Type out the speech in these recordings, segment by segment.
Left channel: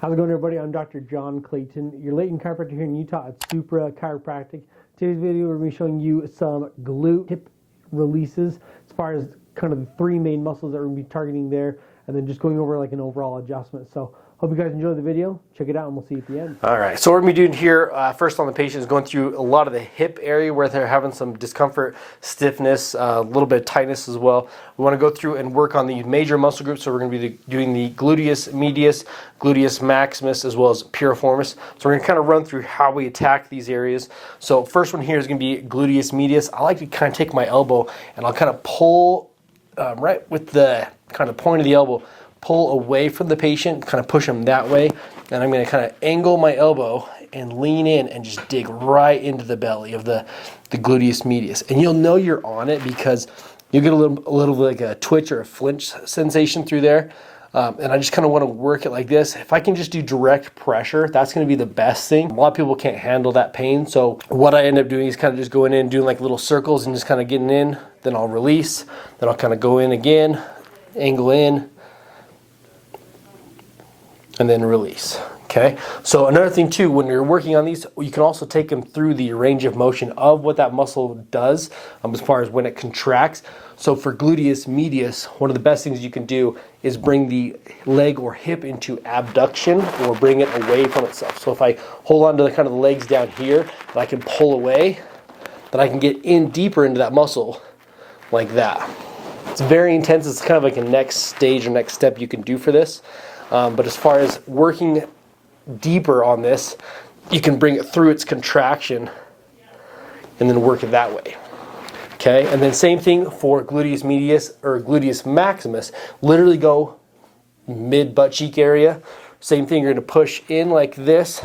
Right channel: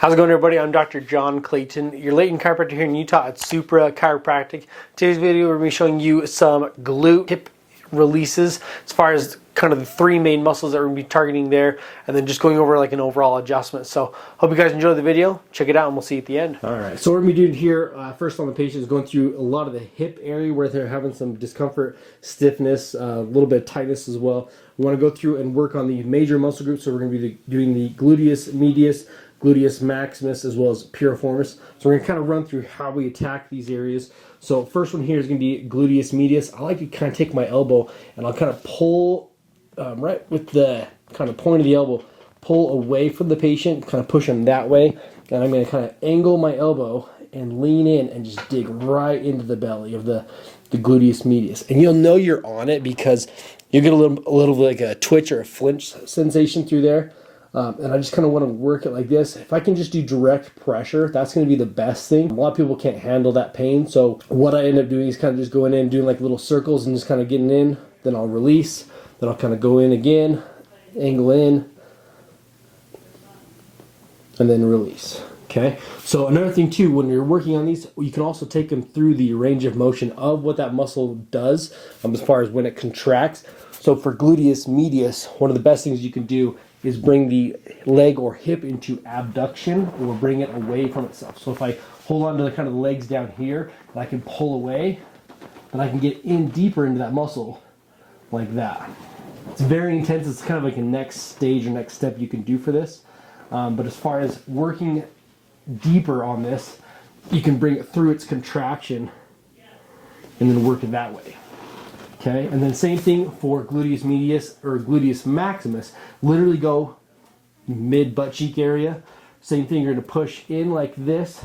How's it going, everybody? I'm Dr. John Clayton, your Layton chiropractor here in Utah at Supra Chiropractic. Today's video, we're going to be showing you some glute hip releases as far as kind of the three main muscles that we're going to be targeting there, and then just going over like an overall adjustment. So hope you guys enjoy the video. Check it out and we'll see you at the end. All right, so what we're going to be doing here first on the patient is going through a lot of the hip area where they're having some discomfort, stiffness, a little bit of tightness as well. We want to go through and work on the major muscle groups. So we're going to be doing the gluteus medius, gluteus maximus, as well as piriformis. So we're going to kind of run through how we attack these areas. So first one here is going to be gluteus medius. I like to kind of take my elbow and I'll kind of pull right with the kind of point of the elbow, pull away from the patient, kind of push them that way. And I'm going to kind of angle my elbow and lean in and just dig right into the belly of the gluteus medius. And you'll know you're on it because you get a little bit like a twitch or a flinch sensation through there. And I just kind of want to work it like this. If I can just do direct pressure, that's going to be the best thing. A lot of people can't handle that pain. So what I end up doing is kind of just going in, doing like little circles and just kind of getting in. Then I'll release. Then I'll kind of go in again, angle in, and then release. Okay. So another thing too, when you're working on these, you can also take them through the range of motion of what that muscle does as far as when it contracts. So for gluteus medius, one of the best things you can do is bring the leg or hip into abduction or bring it away from itself. So if I hold on to the kind of the legs down here, and I can pull away, then I can get in deeper into that muscle like that. It's very intense. It's kind of like a next stage or next step you can do for this. But as far as working deeper on this, you can bring it through its contraction and then work it that way. Okay, and then same thing for gluteus medius or gluteus maximus. Literally go mid butt cheek area. Same thing, you're going to push in like this.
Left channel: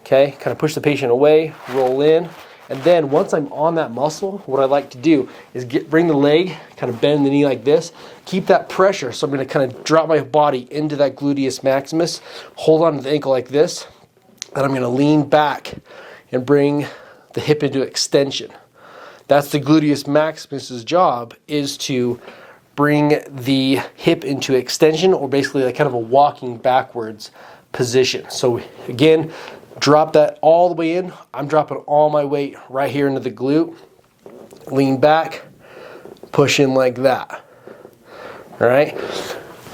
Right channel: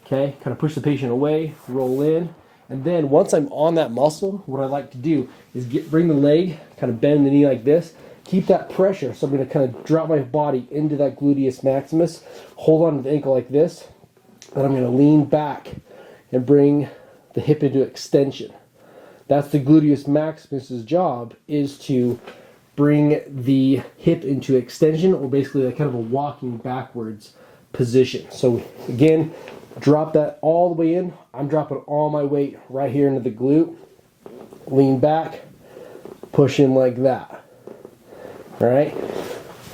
Okay, kind of push the patient away, roll in. And then once I'm on that muscle, what I like to do is bring the leg, kind of bend the knee like this, keep that pressure. So I'm going to kind of drop my body into that gluteus maximus, hold on to the ankle like this, and I'm going to lean back and bring the hip into extension. That's the gluteus maximus's job, is to bring the hip into extension, or basically like kind of a walking backwards position. So again, drop that all the way in. I'm dropping all my weight right here into the glute. Lean back, push in like that. All right.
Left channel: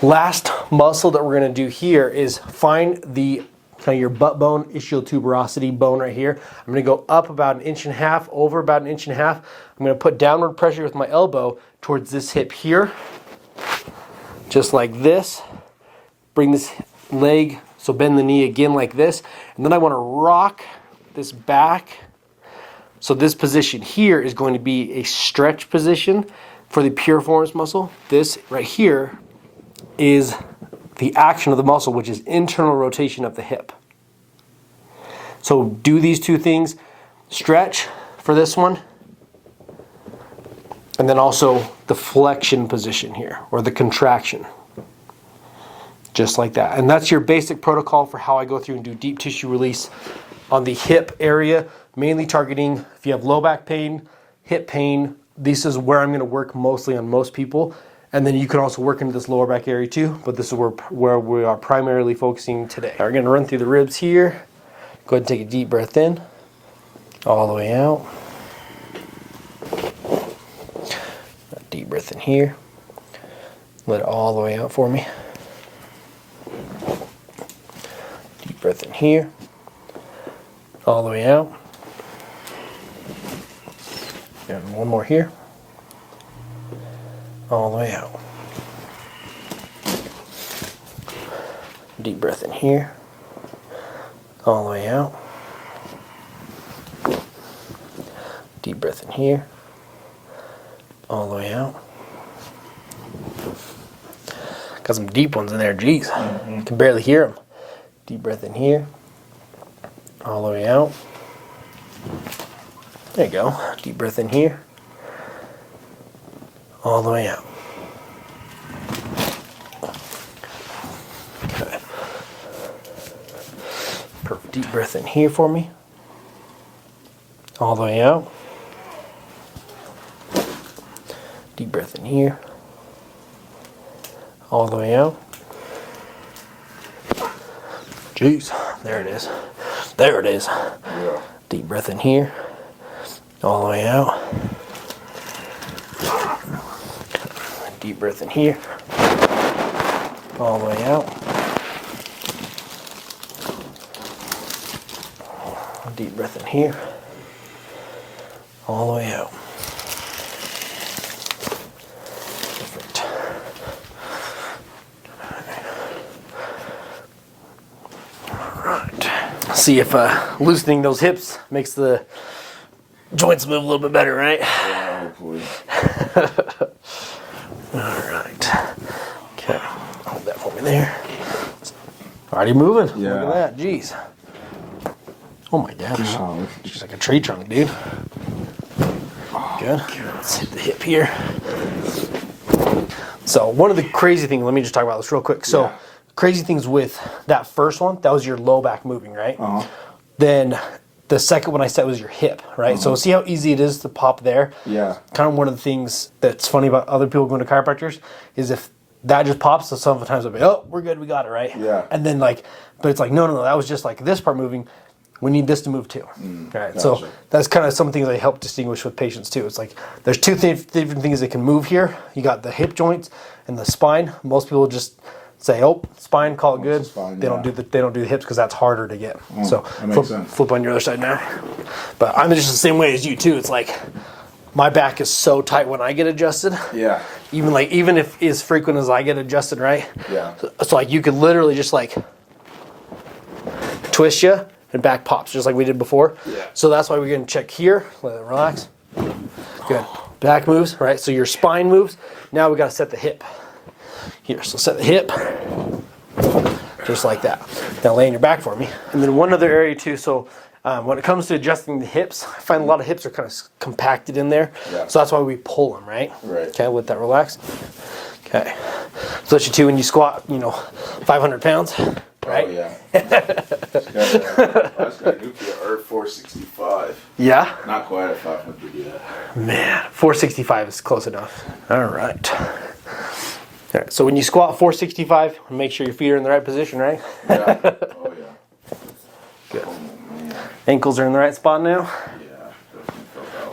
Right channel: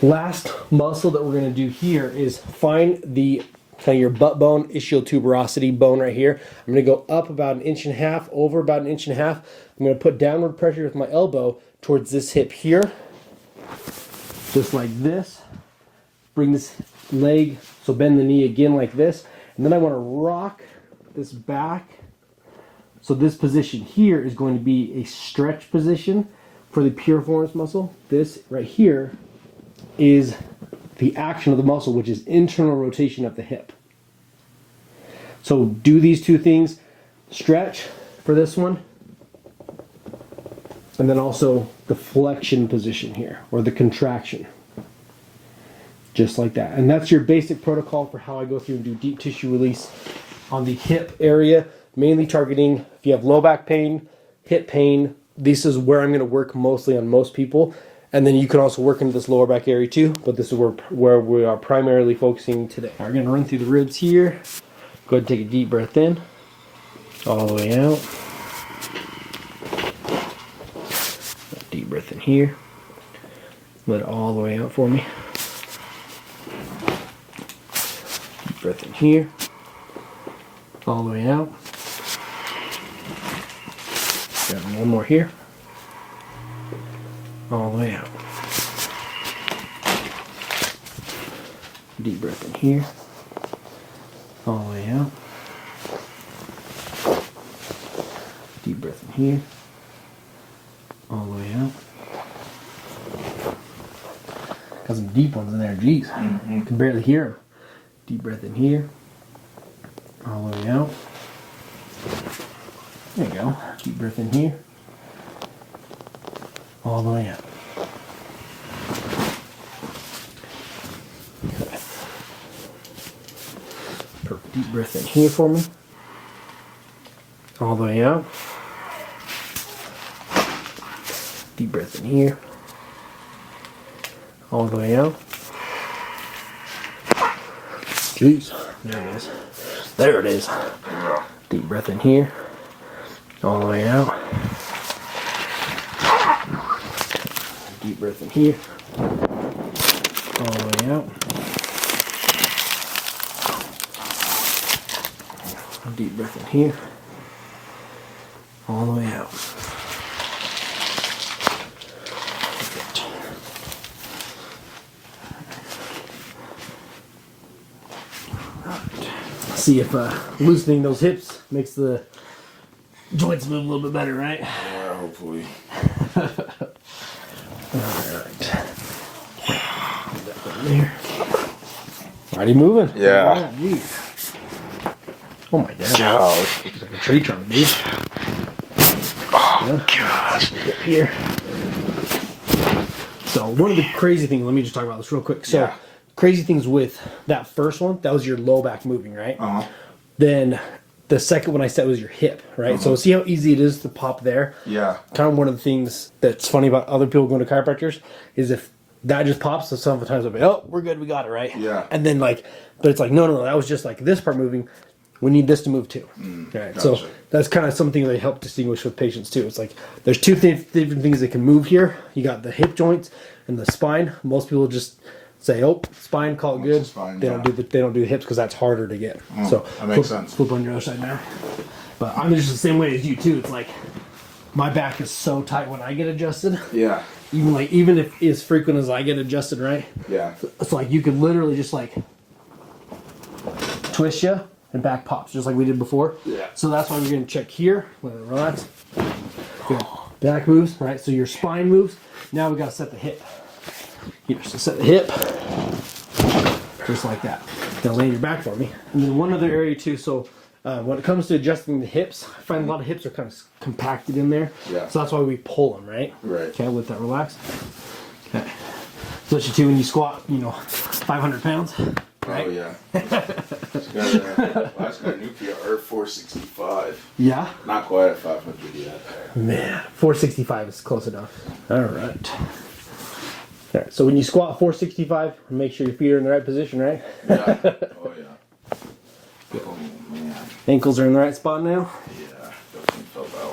Last muscle that we're going to do here is find the kind of your butt bone, ischial tuberosity bone right here. I'm going to go up about 1.5 inches, over about 1.5 inches. I'm going to put downward pressure with my elbow towards this hip here, just like this. Bring this leg, so bend the knee again like this. And then I want to rock this back. So this position here is going to be a stretch position for the piriformis muscle. This right here is the action of the muscle, which is internal rotation of the hip. So do these two things, stretch for this one, and then also the flexion position here, or the contraction. Just like that. And that's your basic protocol for how I go through and do deep tissue release on the hip area, mainly targeting if you have low back pain, hip pain. This is where I'm going to work mostly on most people. And then you can also work into this lower back area too, but this is where we are primarily focusing today. We're going to run through the ribs here. Go ahead and take a deep breath in, all the way out. Deep breath in here. Let it all the way out for me. Deep breath in here, all the way out. And one more here, all the way out. Deep breath in here, all the way out. Deep breath in here, all the way out. Got some deep ones in there, geez. You can barely hear them. Deep breath in here, all the way out. There you go. Deep breath in here, all the way out. Okay. Perfect. Deep breath in here for me, all the way out. Deep breath in here, all the way out. Jeez, there it is. There it is. Yeah. Deep breath in here, all the way out. Deep breath in here, all the way out. Deep breath in here, all the way out. See if loosening those hips makes the joints move a little bit better, right? Yeah, hopefully. Alright. Okay, hold that over there. Already moving? Yeah. Look at that, jeez. Oh my gosh. Gosh. Just like a tree trunk, dude. Oh, gosh. The hip here. So one of the crazy things, let me just talk about this real quick. So Yeah. crazy things with that first one, that was your low back moving, right? Uh-huh. Then the second one I said was your hip, right? So see how easy it is to pop there? Yeah. Kind of one of the things that's funny about other people going to chiropractors is if that just pops, so sometimes I'll be, oh, we're good, we got it, right? Yeah. And then like, but it's like, no, that was just like this part moving. We need this to move too. Right. Gotcha. So that's kind of something that help distinguish with patients too. It's like there's two different things that can move here. You got the hip joints and the spine. Most people just say, oh, spine, call it good. Spine, they yeah. don't do the hips because that's harder to get. So that makes sense. flip on your other side now. But I'm just the same way as you too. It's like my back is so tight when I get adjusted. Yeah. Even if as frequent as I get adjusted, right? Yeah. So like you could literally just like twist you and back pops just like we did before. Yeah. So that's why we're gonna check here. Let it relax. Good. Back moves, right? So your spine moves. Now we gotta set the hip. Here, so set the hip. Just like that. Now lay on your back for me. And then one other area too, so when it comes to adjusting the hips, I find a lot of hips are kind of compacted in there. Yeah. So that's why we pull them, right? Right. Okay, let that relax. Okay. Especially too when you squat, 500 pounds, right? Oh, yeah. Last guy Nuki or 465. Yeah? Not quite at 500 yet. Man, 465 is close enough. All right. All right, so when you squat 465, make sure your feet are in the right position, right? Yeah. Oh, yeah. Good. Oh, man. Ankles are in the right spot now. Yeah. Doesn't feel bad.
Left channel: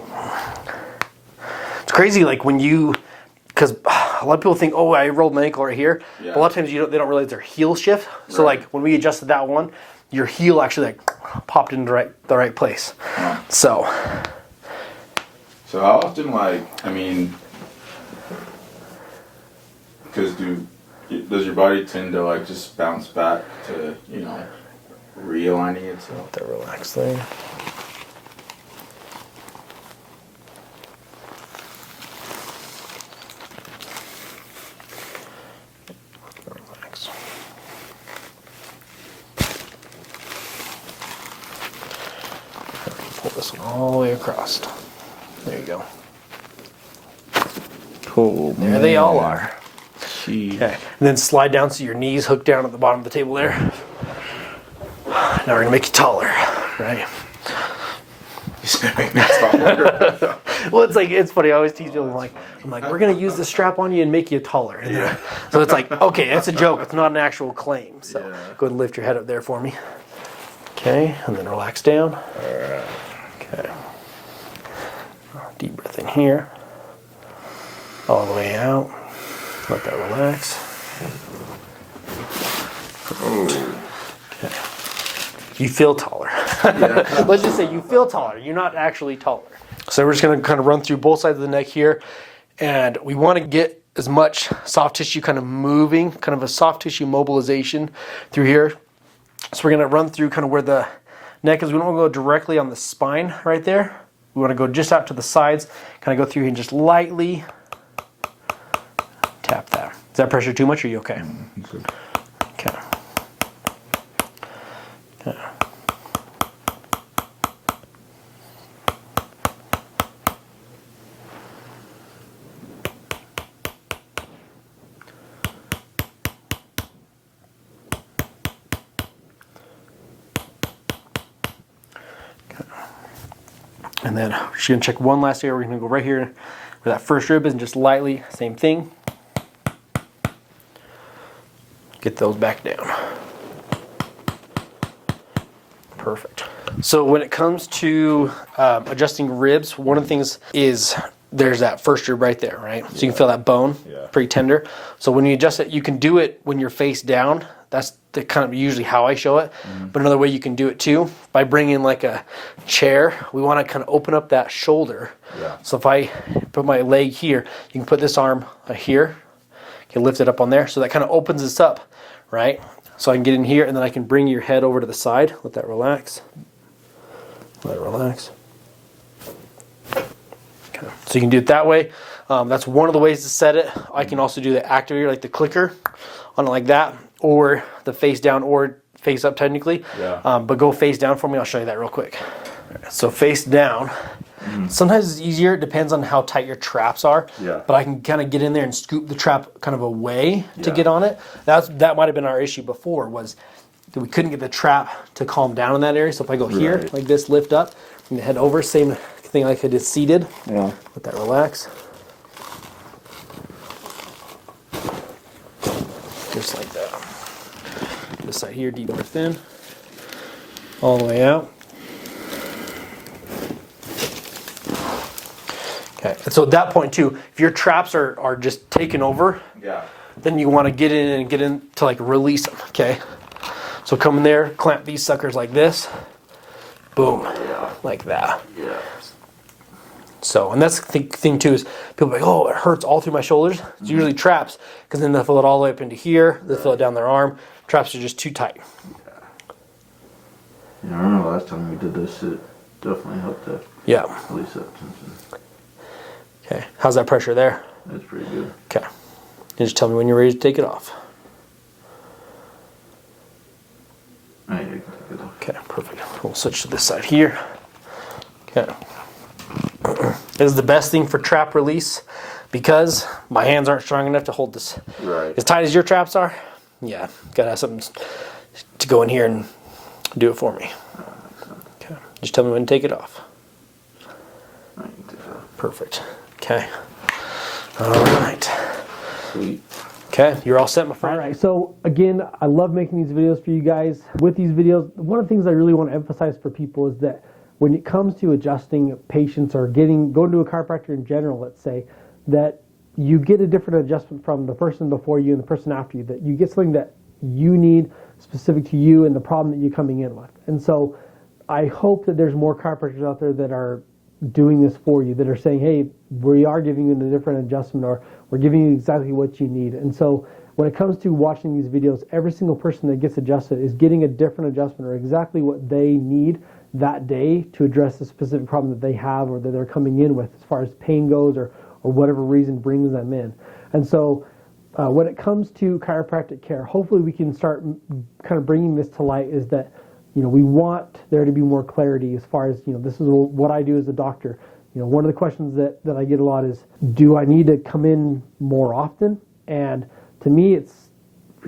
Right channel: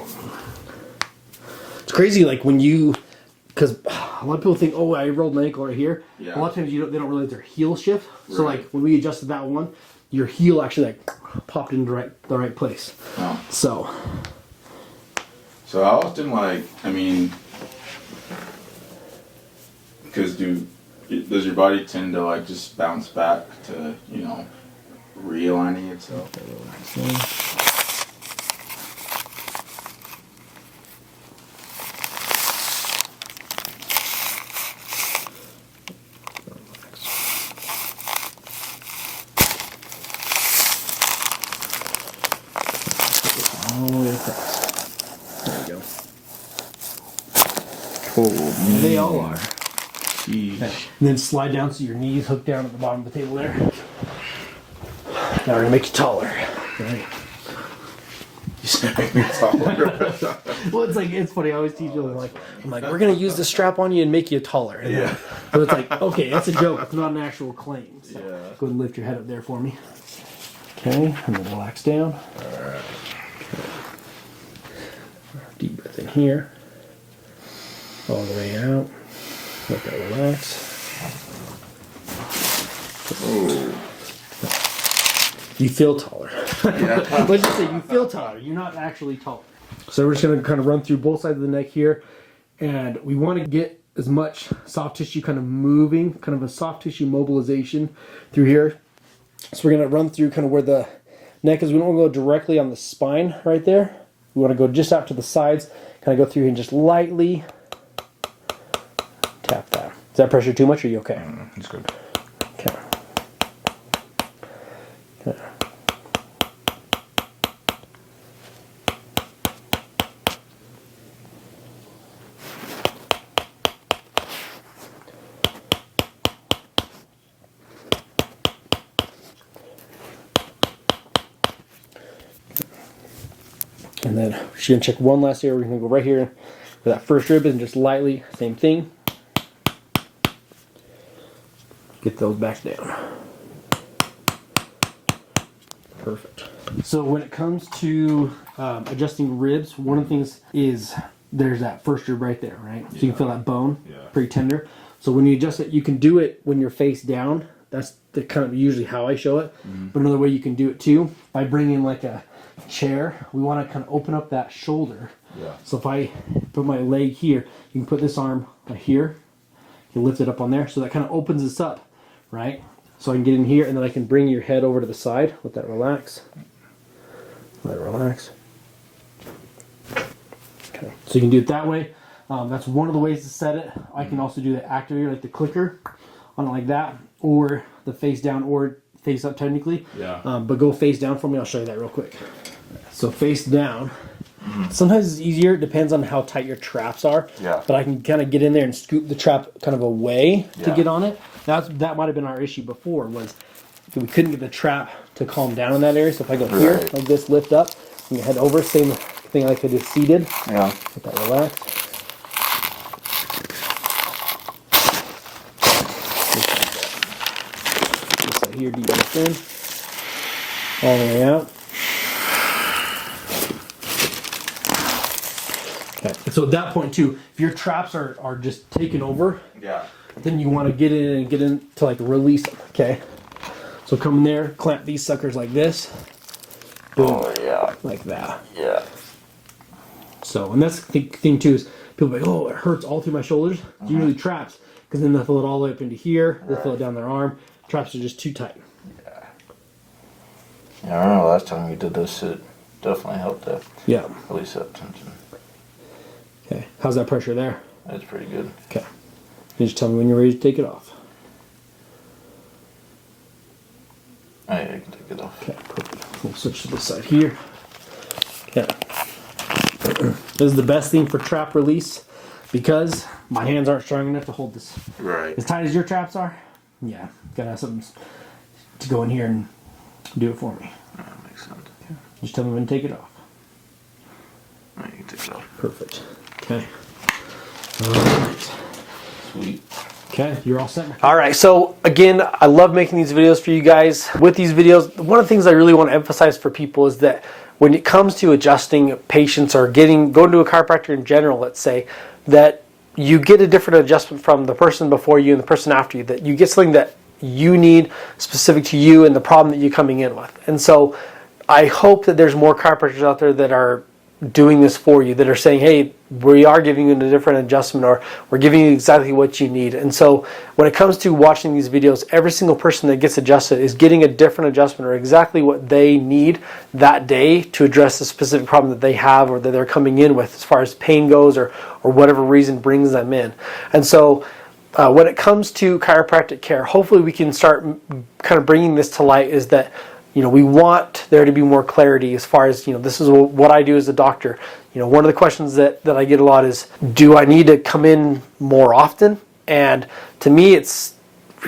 It's crazy, like when you, because a lot of people think, oh, I rolled my ankle right here. Yeah. But a lot of times they don't realize their heel shift. So Right. like when we adjusted that one, your heel actually like popped into the right place. Huh. So So how often, because does your body tend to like just bounce back to, realigning itself? that relax there. All the way across. There you go. Oh, There they all are. Jeez. Okay. And then slide down so your knees hook down at the bottom of the table there. Now we're gonna make you taller, right? Well, it's funny. I always tease people. I'm like, we're gonna use the strap on you and make you taller. And then, so it's like, okay, that's a joke. It's not an actual claim. So Yeah. go ahead and lift your head up there for me. Okay, and then relax down. Alright. Okay. Deep breath in here. All the way out. Let that relax. Oh. You feel taller. Yeah. Let's just say you feel taller. You're not actually taller. So we're just going to kind of run through both sides of the neck here. And we want to get as much soft tissue kind of moving, kind of a soft tissue mobilization through here. So we're going to run through kind of where the neck is. We don't want to go directly on the spine right there. We want to go just out to the sides, kind of go through here and just lightly tap that. Is that pressure too much or are you okay? That's good. Okay. Okay. And then we're just going to check one last area. We're going to go right here where that first rib is and just lightly, same thing. Get those back down. Perfect. So when it comes to adjusting ribs, one of the things is there's that first rib right there, right? So you can feel that bone, pretty tender. So when you adjust it, you can do it when you're face down. That's the kind of usually how I show it. But another way you can do it too, by bringing like a chair, we want to kind of open up that shoulder. So if I put my leg here, you can put this arm here, you can lift it up on there. So that kind of opens this up, right? So I can get in here, and then I can bring your head over to the side. Let that relax. Let it relax. Okay. So you can do it that way. That's one of the ways to set it. I can also do the activator, like the clicker, on it like that, or the face down or face up technically. But go face down for me. I'll show you that real quick. So face down. Sometimes it's easier. It depends on how tight your traps are. But I can kind of get in there and scoop the trap kind of away to get on it. That might have been our issue before, was that we couldn't get the trap to calm down in that area. So if I go here, like this, lift up, and head over, same thing like I did seated. Let that relax. Just like that. Just like here, deep breath in. All the way out. Okay. And so at that point too, if your traps are just taken over, then you want to get in and get in to like release them. Okay. So come in there, clamp these suckers like this. Boom. Like that. So, and that's the thing too, is people are like, oh, it hurts all through my shoulders. It's usually traps, because then they'll feel it all the way up into here. They'll feel it down their arm. Traps are just too tight. I remember last time we did this, it definitely helped to release that tension. Okay, how's that pressure there? That's pretty good. Okay, you just tell me when you're ready to take it off. Oh, yeah, I can take it off. Okay, perfect. We'll switch to this side here. Okay. This is the best thing for trap release, because my hands aren't strong enough to hold this as tight as your traps are. Yeah, gotta have something to go in here and do it for me. That makes sense. Okay, just tell me when to take it off. Right, you can take it off. Perfect. Okay. All right. Sweet. Okay, you're all set. All right, so again, I love making these videos for you guys. With these videos, one of the things I really want to emphasize for people is that when it comes to adjusting patients or going to a chiropractor in general, let's say, that you get a different adjustment from the person before you and the person after you, that you get something that you need specific to you and the problem that you're coming in with. And so I hope that there's more chiropractors out there that are doing this for you, that are saying, hey, we are giving you a different adjustment, or we're giving you exactly what you need. And so when it comes to watching these videos, every single person that gets adjusted is getting a different adjustment or exactly what they need that day to address the specific problem that they have or that they're coming in with as far as pain goes, or whatever reason brings them in. And so when it comes to chiropractic care, hopefully we can start kind of bringing this to light, is that we want there to be more clarity as far as, this is what I do as a doctor. One of the questions that I get a lot is, do I need to come in more often? And to me, it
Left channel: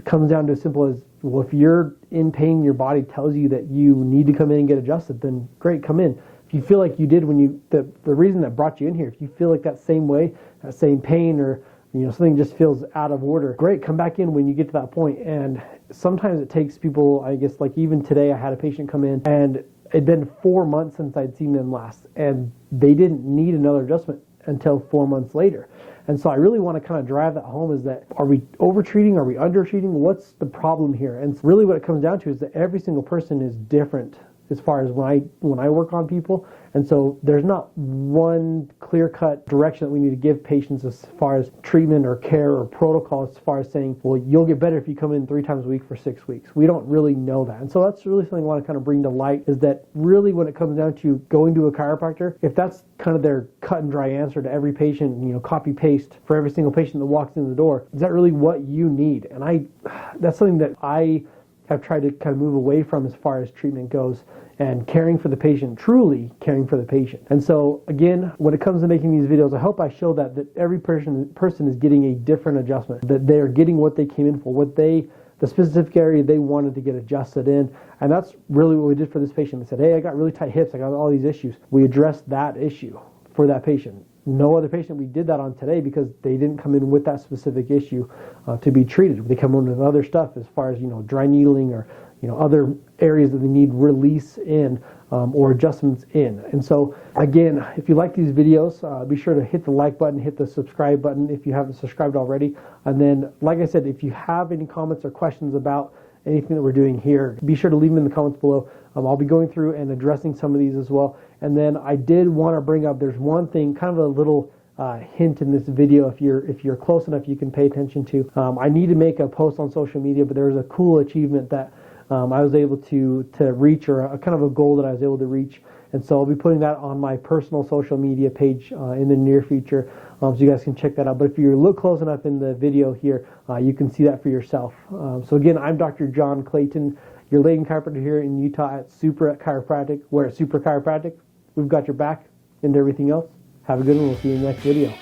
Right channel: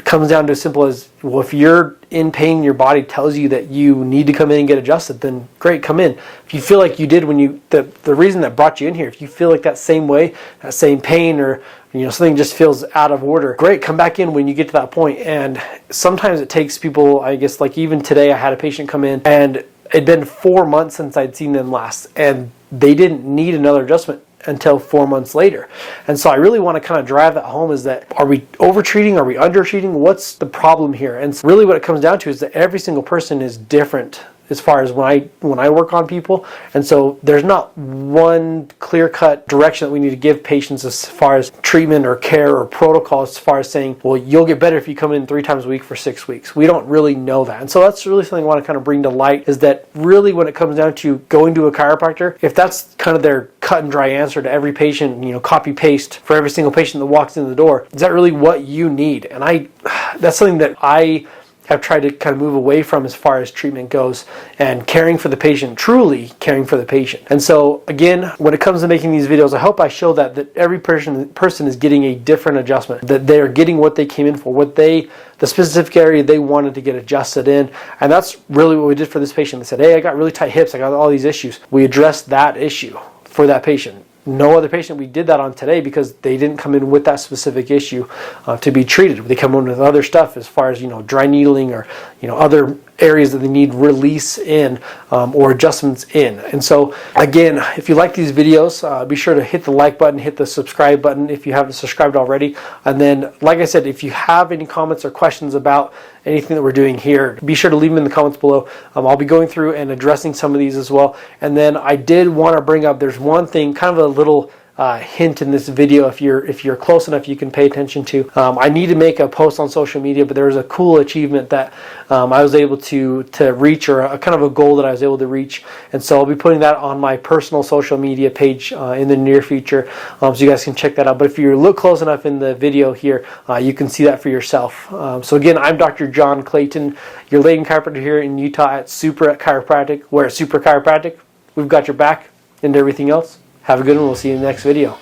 comes down to as simple as, well, if you're in pain, your body tells you that you need to come in and get adjusted, then great, come in. If you feel like you did when the reason that brought you in here, if you feel like that same way, that same pain, or something just feels out of order, great, come back in when you get to that point. And sometimes it takes people, I guess, like even today I had a patient come in, and it'd been 4 months since I'd seen them last, and they didn't need another adjustment until 4 months later. And so I really want to kind of drive that home, is that, are we over-treating? Are we under-treating? What's the problem here? And so really what it comes down to is that every single person is different as far as when I work on people. And so there's not one clear-cut direction that we need to give patients as far as treatment or care or protocol, as far as saying, well, you'll get better if you come in 3 times a week for 6 weeks. We don't really know that. And so that's really something I want to kind of bring to light, is that really when it comes down to going to a chiropractor, if that's kind of their cut and dry answer to every patient, copy paste for every single patient that walks in the door, is that really what you need? And that's something that I have tried to kind of move away from as far as treatment goes, and caring for the patient, truly caring for the patient. And so again, when it comes to making these videos, I hope I show that every person is getting a different adjustment, that they are getting what they came in for, the specific area they wanted to get adjusted in. And that's really what we did for this patient. They said, hey, I got really tight hips, I got all these issues. We addressed that issue for that patient. No other patient we did that on today, because they didn't come in with that specific issue to be treated. They come in with other stuff as far as dry needling or other areas that they need release in or adjustments in. And so again, if you like these videos, be sure to hit the like button, hit the subscribe button if you haven't subscribed already. And then, like I said, if you have any comments or questions about anything that we're doing here, be sure to leave them in the comments below. I'll be going through and addressing some of these as well. And then I did want to bring up, there's one thing, kind of a little hint in this video, if you're close enough, you can pay attention to. I need to make a post on social media, but there was a cool achievement that I was able to reach, or a kind of a goal that I was able to reach, and so I'll be putting that on my personal social media page in the near future, so you guys can check that out. But if you look close enough in the video here, you can see that for yourself. So again, I'm Dr. John Clayton, your Layton chiropractor here in Utah at Supra Chiropractic. Where at Supra Chiropractic, we've got your back and everything else. Have a good one. We'll see you in the next video.